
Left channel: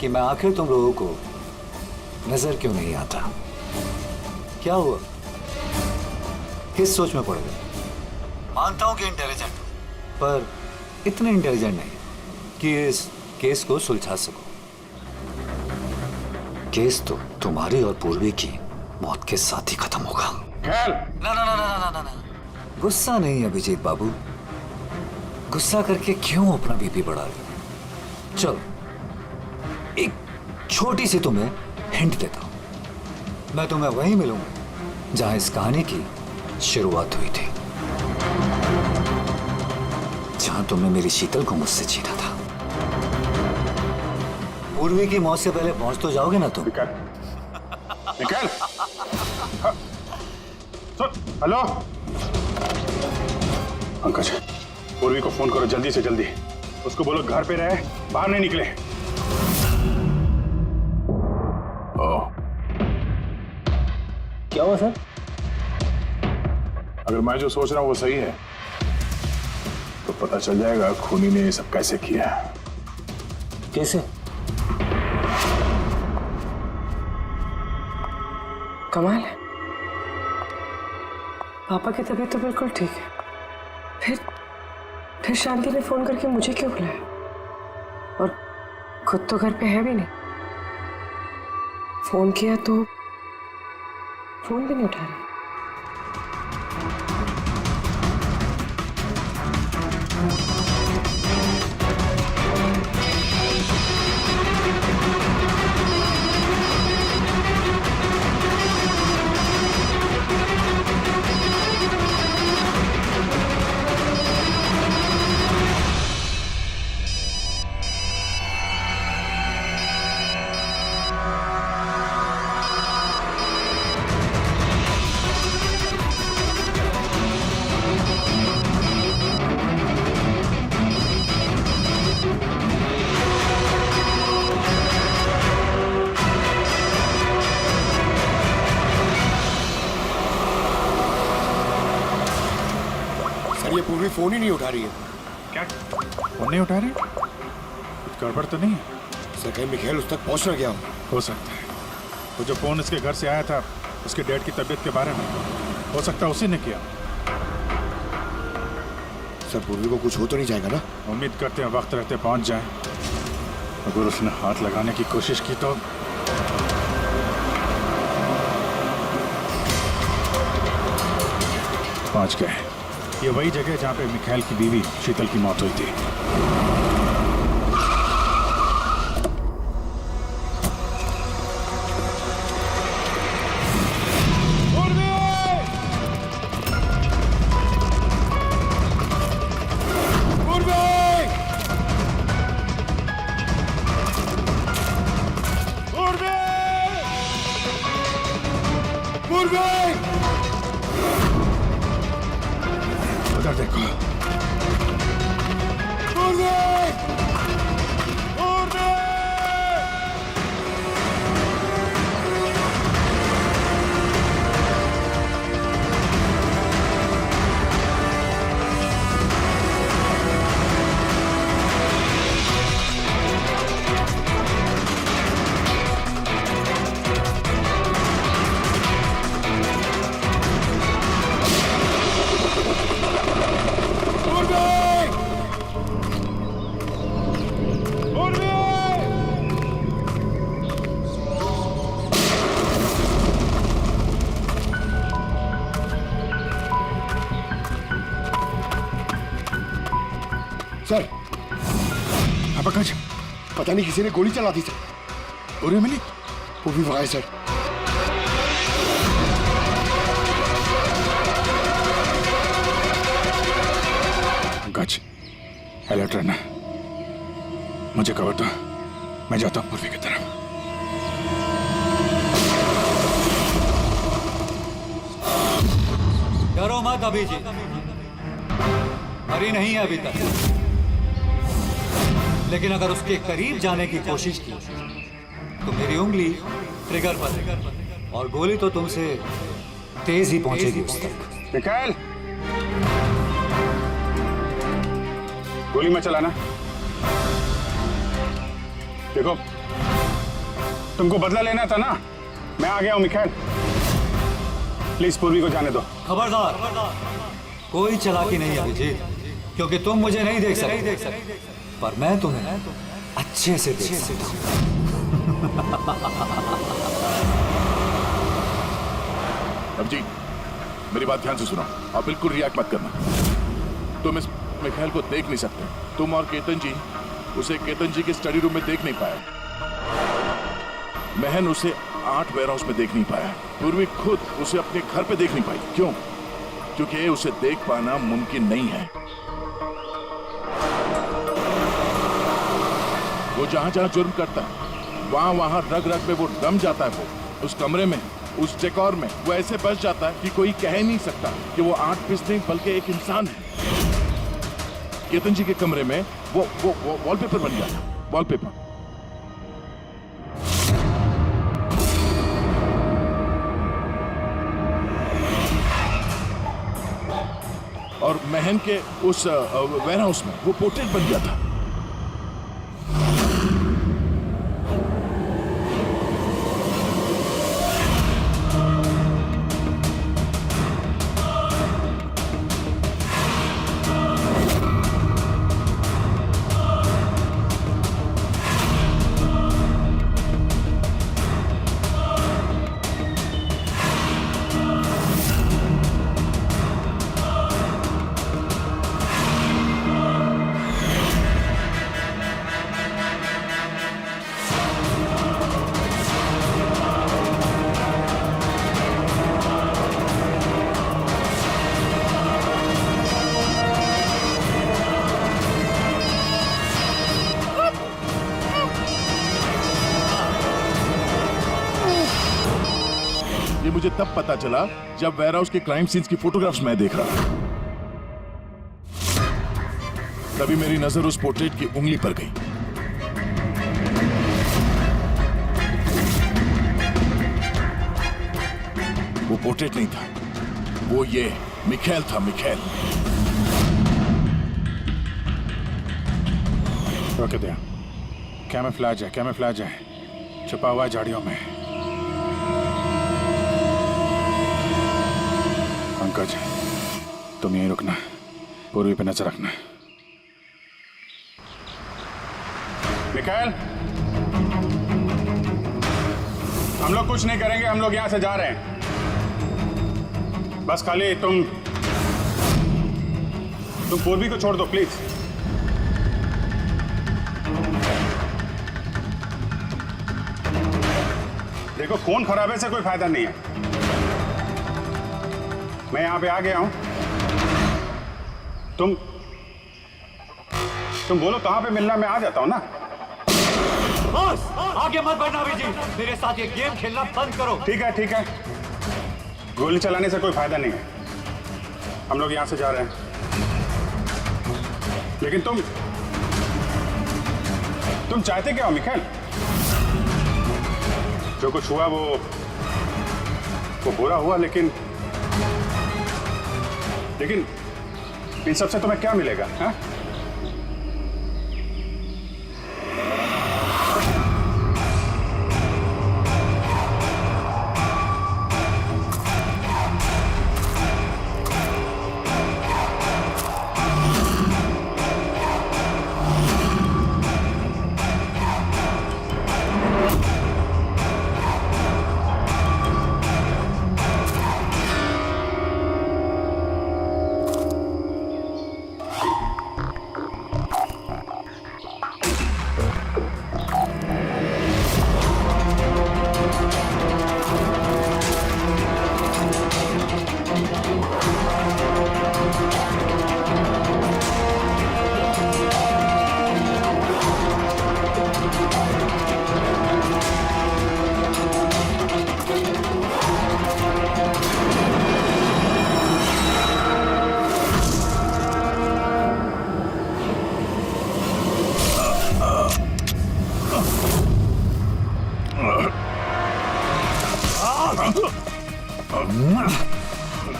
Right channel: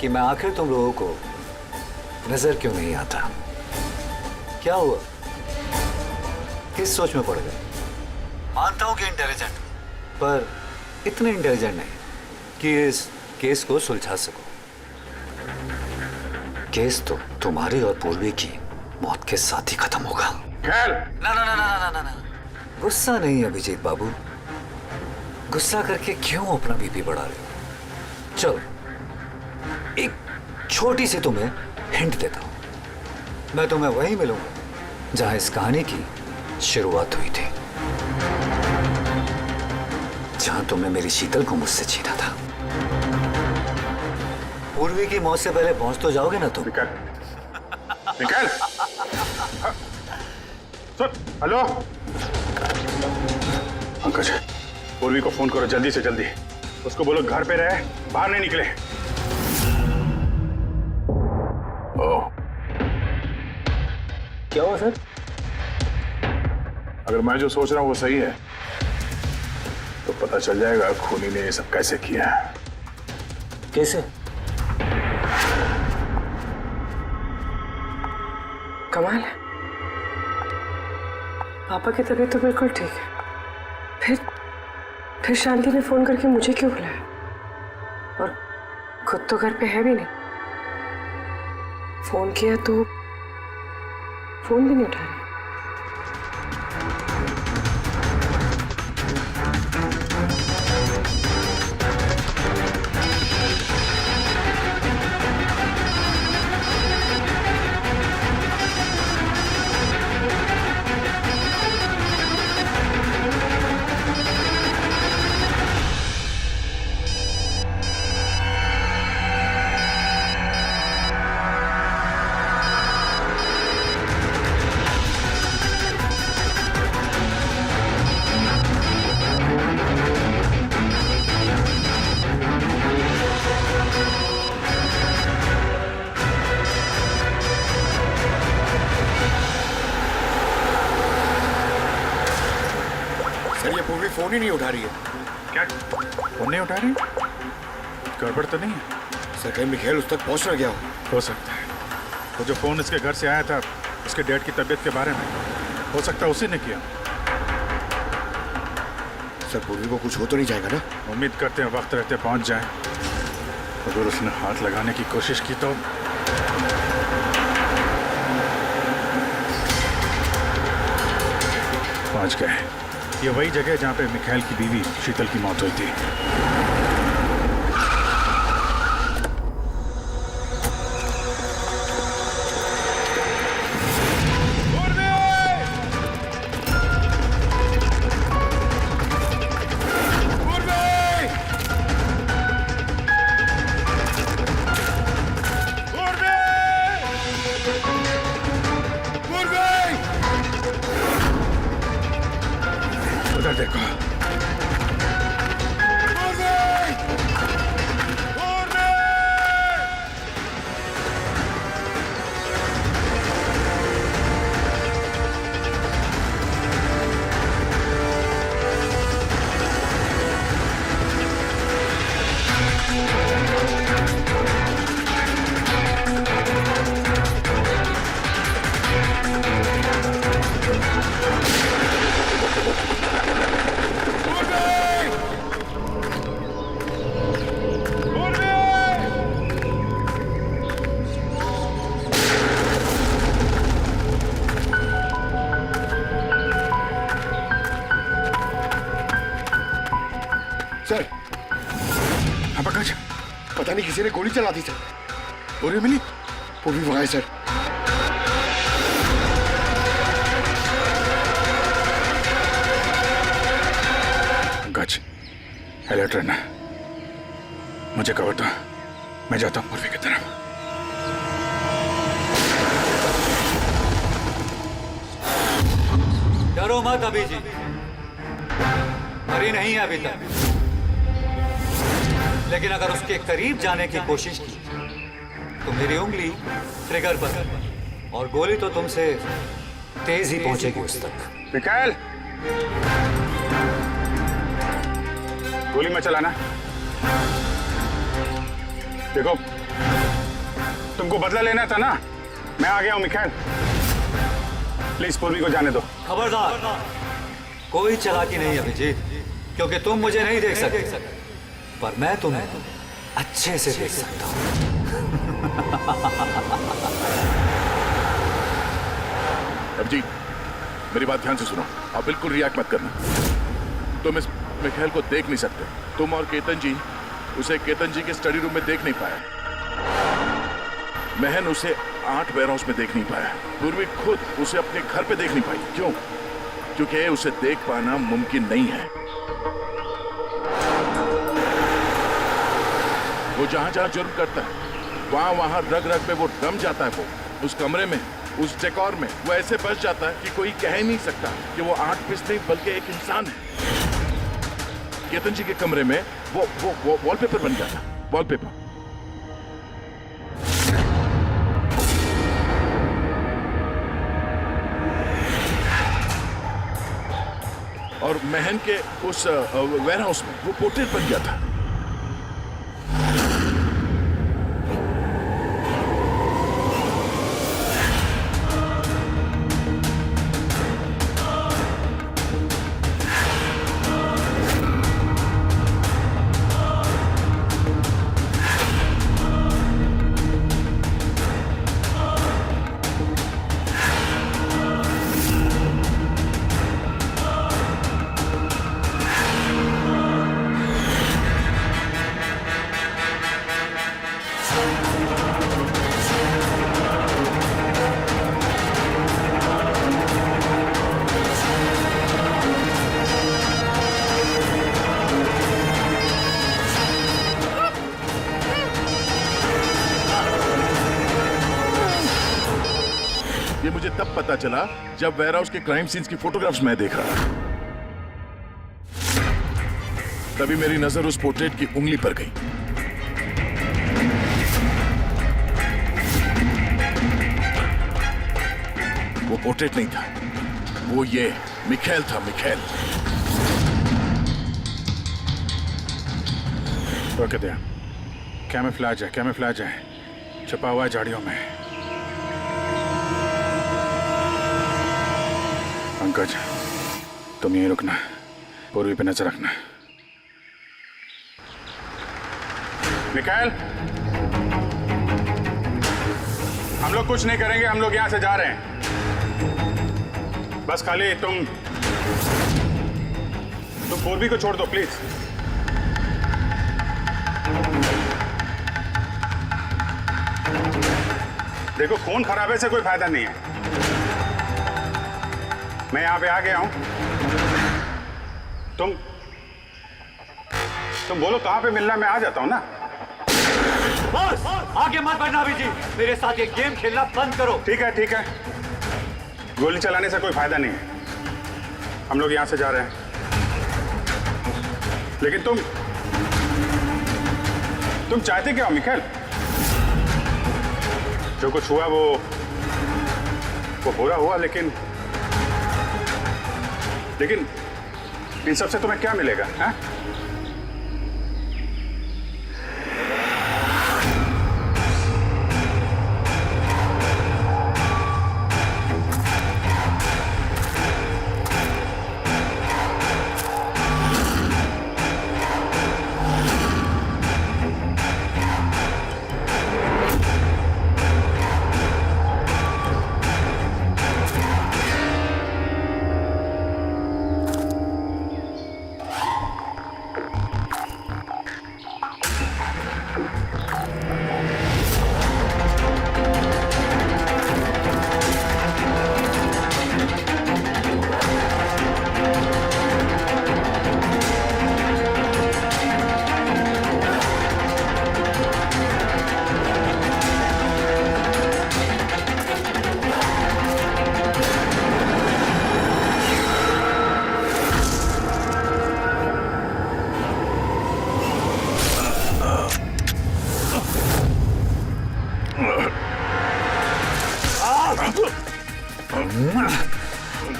कि मैं आखिर तुम लोगों को नजर क्यों नहीं आता। क्या हुआ, किस सोच में पड़ गए? मानता हूं कि इंटेलिजेंट हो, पर इतने इंटेलिजेंट नहीं कि इस केस को सुलझा सको। केस तो तुम्हारी और पूर्वी की मौत के साथ ही खत्म होगा। ना ना ना ना ना ना ना, गुस्सा नहीं अभिजीत बाबू, गुस्सा करके क्यों अपना बीपी बढ़ा रहे हो? चलो एक छोटी सी तुम्हें हिंट देता हूं, मैं तुम्हें वहीं मिलूंगा जहां इस कहानी की शुरुआत हुई थी, जहां तुमने मेरी शीतल को मुझसे छीना था। पूर्वी की मौत से पहले पहुंच तो जाओगे ना तुम? निकल। सुन, हेलो पंकज, पूर्वी को फोन करो जल्दी से जल्दी। उसको बोलो घर पे रहे, बाहर नहीं निकले। क्या हुआ सर? अगर मैं जो सोच रहा हूं वो सही है तो पता चल जाएगा खूनी ने ये सब कैसे किया है। कैसे? कमाल है, पापा की तबीयत तो बिल्कुल ठीक है, फिर शांति ने फोन करके मुझे क्यों बुलाया? और खुद तो घर पे है भी नहीं। फोन किया तो फोन भी नहीं उठा रही। ये पूर्वी फोन ही नहीं उठा रही है। क्या फोन नहीं उठा रही? गड़बड़ तो नहीं है? सर कहीं मिखेल उस तक पहुंच ना गया हो सकता है। तो जो फोन इसके घर से आया था उसके डैड की तबीयत के बारे में, हो सकता है उसी ने किया। सर पूर्वी को कुछ हो तो नहीं जाएगा ना? उम्मीद करते हैं वक्त रहते पहुंच जाए। अगर उसने हाथ लगाने की कोशिश की तो पहुंच गए। ये वही जगह जहां पे मिखाइल की बीवी शीतल की मौत हुई थी। उधर देखो। सर हाँ पंकज, पता नहीं किसी ने गोली चला दी सर। पूर्वी मिली? पूर्वी वहां है सर। पंकज अलर्ट रहना, मुझे कवर दो, मैं जाता हूँ पूर्वी की तरफ। डरो मत अभी जी, मरी नहीं है अभी तक, लेकिन अगर उसके करीब जाने की कोशिश की तो मेरी उंगली ट्रिगर पर और गोली तो तुमसे तेज ही पहुंचेगी उस तक। मिखाइल, गोली मत चलाना। देखो तुमको बदला लेना था ना, मैं आ गया हूं मिखाइल। प्लीज पूर्वी को जाने दो। खबरदार, कोई चालाकी नहीं अभिजीत, क्योंकि तुम मुझे नहीं देख सकते, पर मैं तुम्हें अच्छे से देख सकता हूं। अभिजीत, मेरी बात ध्यान से सुनो, आप बिल्कुल रिएक्ट मत करना। तुम इस मिखाइल को देख नहीं सकते। तुम और केतन जी उसे केतन जी के स्टडी रूम में देख नहीं पाए। महन उसे 8 वेयरहाउस में देख नहीं पाया। पूर्वी खुद उसे अपने घर पे देख नहीं पाई। क्यों? क्योंकि उसे देख पाना मुमकिन नहीं है। वो जहां जहां जुर्म करता है वहां वहां रग रग में वो रम जाता है। वो उस कमरे में, उस डेकोर में वो ऐसे बस जाता है कि कोई कह ही नहीं सकता कि वो 8 पीस नहीं बल्कि एक इंसान है। केतन जी के कमरे में वो वॉलपेपर बन गया था। वॉलपेपर। और महन के उस वेयरहाउस में वो पोर्ट्रेट बन गया था। ये मुझे तब पता चला जब वेयरहाउस के क्राइम सीन्स की फोटोग्राफ्स मैं देख रहा था। तभी मेरी नजर उस पोर्ट्रेट की उंगली पर गई। वो पोर्ट्रेट नहीं था, वो ये मिखेल था। मिखेल। रोके दिया। कैमोफ्लेज है, कैमोफ्लेज है, छुपा हुआ है झाड़ियों में। पंकज, तुम यहीं रुकना, पूर्वी पे नजर रखना। मिकाएल, हम लोग कुछ नहीं करेंगे, हम लोग यहां से जा रहे हैं। बस खाली तुम पूर्वी को छोड़ दो प्लीज। देखो, खून खराबे से कोई फायदा नहीं है। मैं यहां पे आ गया हूं। तुम बोलो कहां पे मिलना, मैं आ जाता हूं ना। बस आगे मत बढ़ना अभी जी, मेरे साथ ये गेम खेलना बंद करो। ठीक है, ठीक है। गोली चलाने से कोई फायदा नहीं है। हम लोग यहां से जा रहे हैं, लेकिन तुम चाहते क्या हो मिखेल? जो कुछ हुआ वो बुरा हुआ, लेकिन इन सबसे तुम्हें क्या मिलेगा? हैं?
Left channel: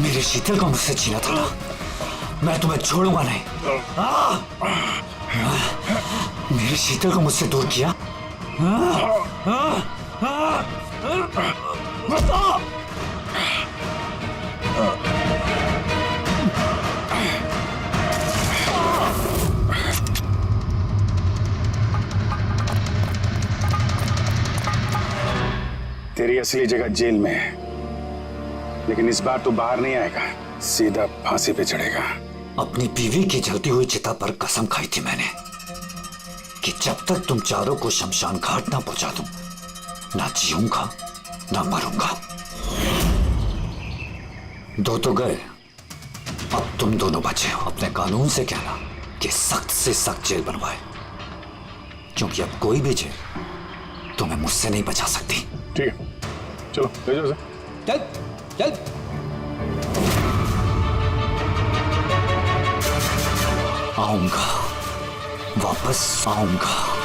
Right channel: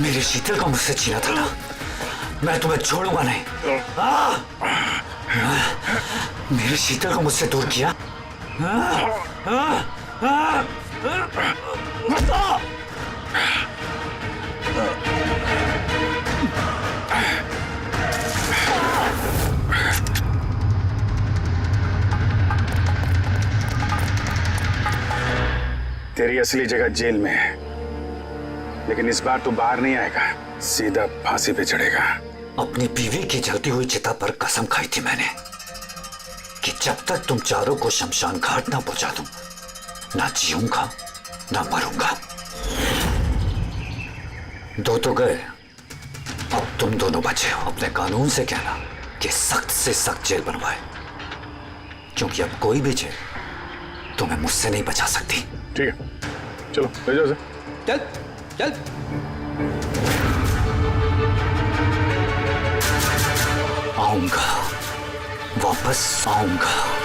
मेरे शीतल को मुझसे छीना था ना, मैं तुम्हें छोड़ूंगा नहीं। मेरे शीतल को मुझसे दूर किया। तेरी असली जगह जेल में है, लेकिन इस बार तू बाहर नहीं आएगा, सीधा फांसी पे चढ़ेगा। अपनी बीवी की जलती हुई चिता पर कसम खाई थी मैंने कि जब तक तुम चारों को शमशान घाट ना पहुंचा दूं, ना जीऊंगा ना मरूंगा। दो तो गए, अब तुम दोनों बचे हो। अपने कानून से कहना कि सख्त से सख्त जेल बनवाए, क्योंकि अब कोई भी जेल तुम्हें मुझसे नहीं बचा सकती। ठीक है, चलो ले जाओ। चल चल। आऊंगा, वापस आऊंगा।